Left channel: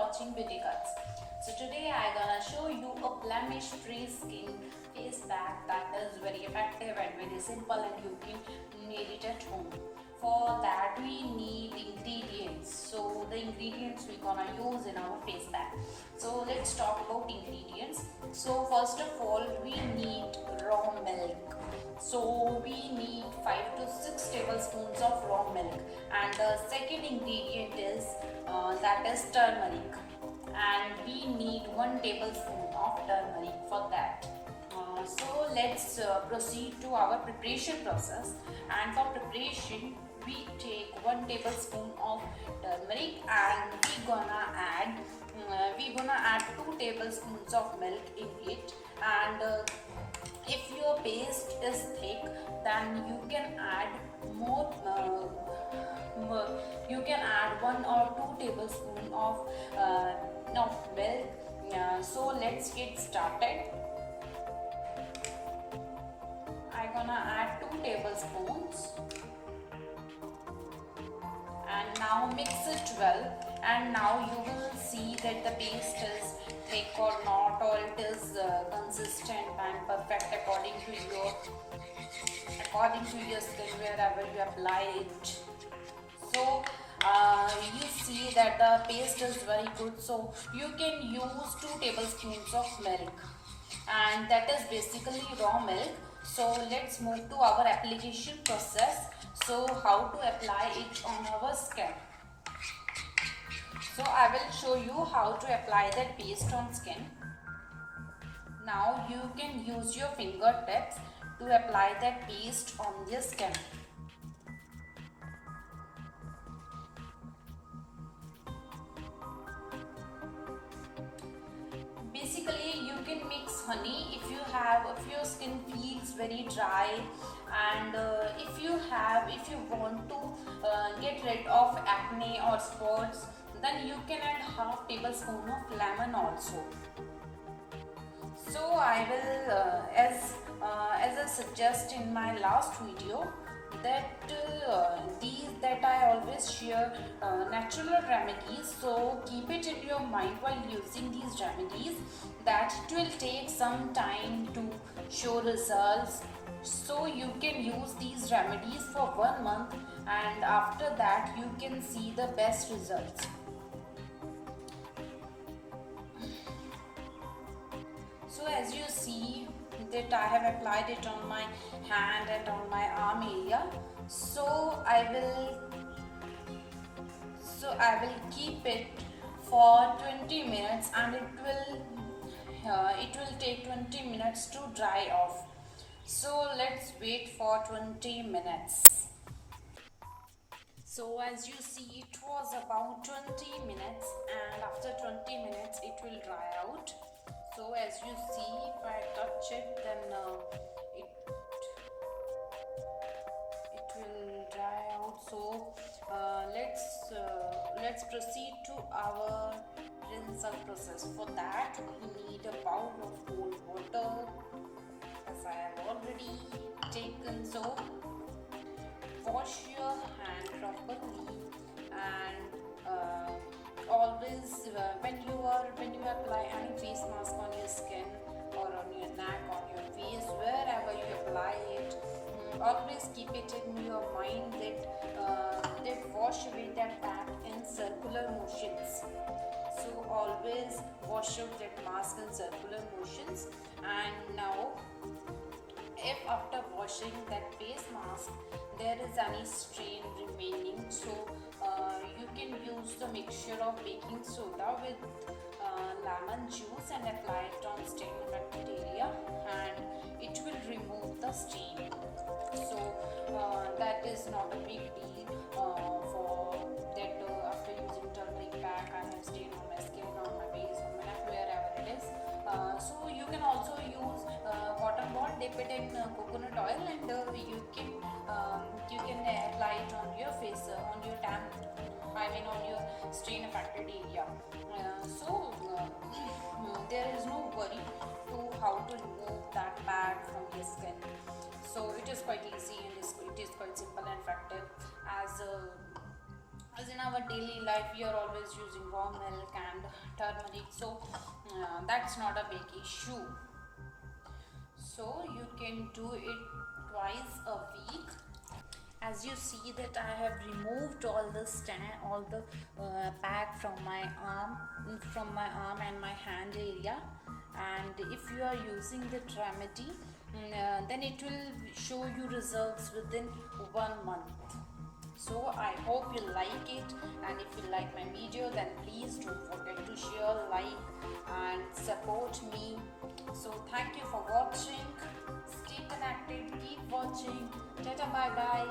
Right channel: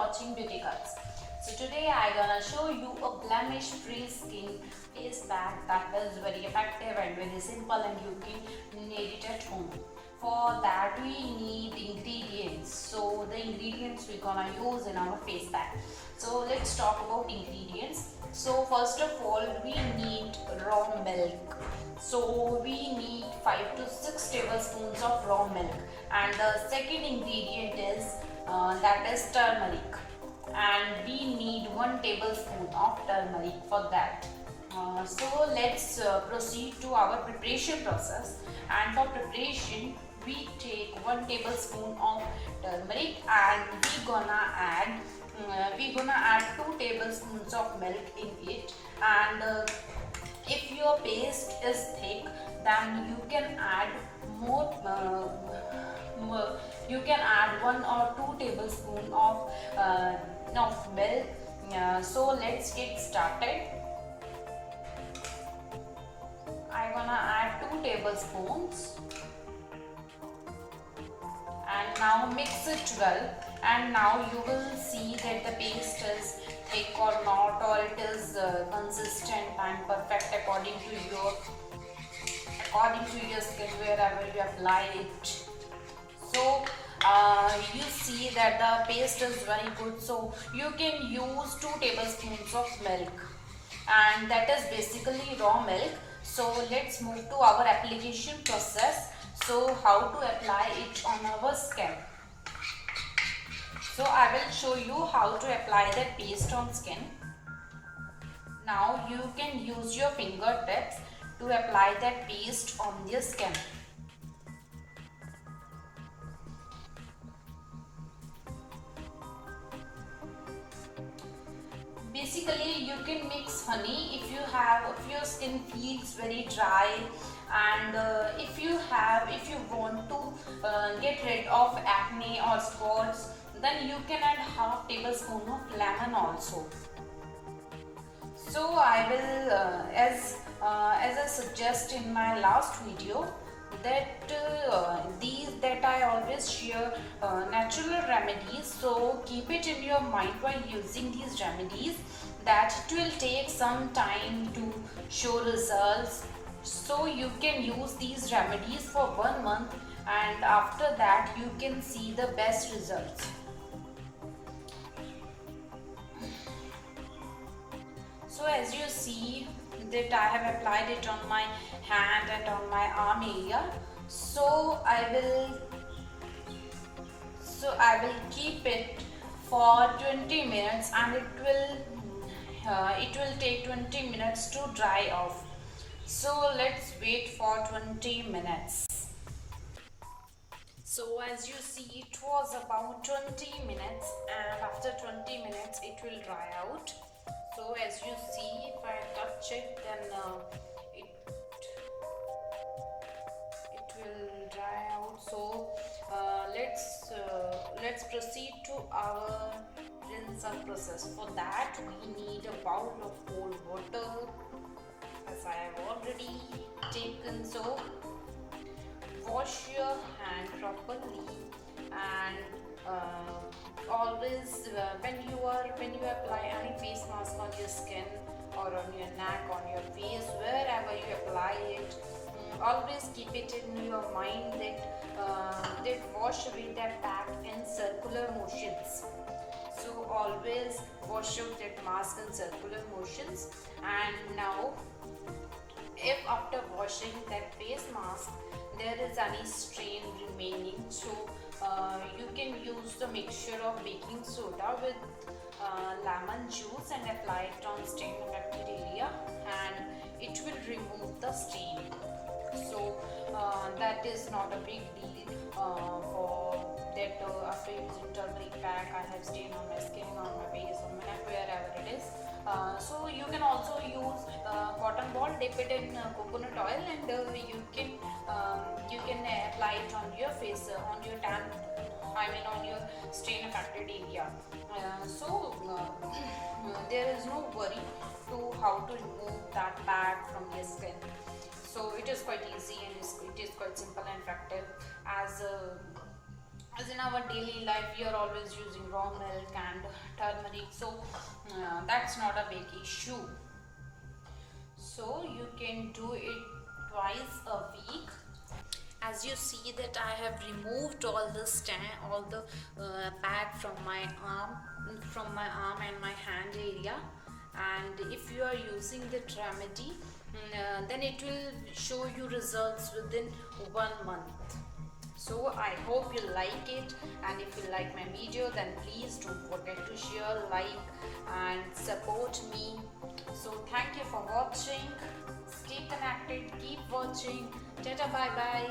watching Beauty Cuts. So today I gonna show you a blemish-free skin face pack that is very effective and very simple, and you can made it at home. For that we need ingredients. So the ingredients we gonna use in our face pack. So let's talk about ingredients. So first of all we need raw milk. So we need 5 to 6 tablespoons of raw milk, and the second ingredient is that is turmeric, and we need 1 tablespoon of turmeric for that. So let's proceed to our preparation process. And for preparation we take 1 tablespoon of turmeric, and we gonna add 2 tablespoons of milk in it. And if your paste is thick, then you can add you can add 1 or 2 tablespoon of milk. So let's get started. I'm gonna add 2 tablespoons, and now mix it well. And now you will see that the paste is thick or not, or it is consistent and perfect according to your skin wherever you apply it. So you see that the paste is very good, so you can use 2 tablespoons of milk, and that is basically raw milk. So let's move to our application process. So how to apply it on our skin. So I will show you how to apply that paste on skin. Now you can use your fingertips to apply that paste on your skin. Basically you can mix honey if your skin feels very dry, and if you want to get rid of acne or spots, then you can add half tablespoon of lemon also. So I will as I suggest in my last video, that I always share natural remedies. So keep it in your mind while using these remedies, that it will take some time to show results. So you can use these remedies for 1 month, and after that you can see the best results. So as you see that I have applied it on my hand and on my arm area. So I will keep it for 20 minutes, and it will take 20 minutes to dry off. So let's wait for 20 minutes. So as you see, it was about 20 minutes, and after 20 minutes it will dry out. So as you see, if I touch it, then it will dry out. So let's proceed to our rinse process. For that we need a bowl of cold water, as I have already taken. So wash your hand properly, and always when you apply any face mask on your skin or on your neck, on your face, wherever you apply it, always keep it in your mind that wash away that pack in circular motions. So always wash out that mask in circular motions. And now, if after washing that face mask there is any stain remaining, so you can use the mixture of baking soda with lemon juice and apply it on stain affected area, and it will remove the stain. So that is not a big deal for that. After using turmeric pack, I have stain on my skin, on my face, on my neck, wherever it is. So you can also use cotton ball, dip it in coconut oil, and you can apply it on your face, on your tan, on your stain affected area. There is no worry to how to remove that pack from your skin. So it is quite easy, and it is quite simple and effective, as as in our daily life we are always using raw milk and turmeric, so that's not a big issue. So you can do it twice a week. As you see that I have removed all the pad from my arm and my hand area. And if you are using the remedy, then it will show you results within 1 month. So I hope you like it, and if you like my video, then please don't forget to share, like and support me. So thank you for watching. Stay connected, keep watching. Tata, bye bye.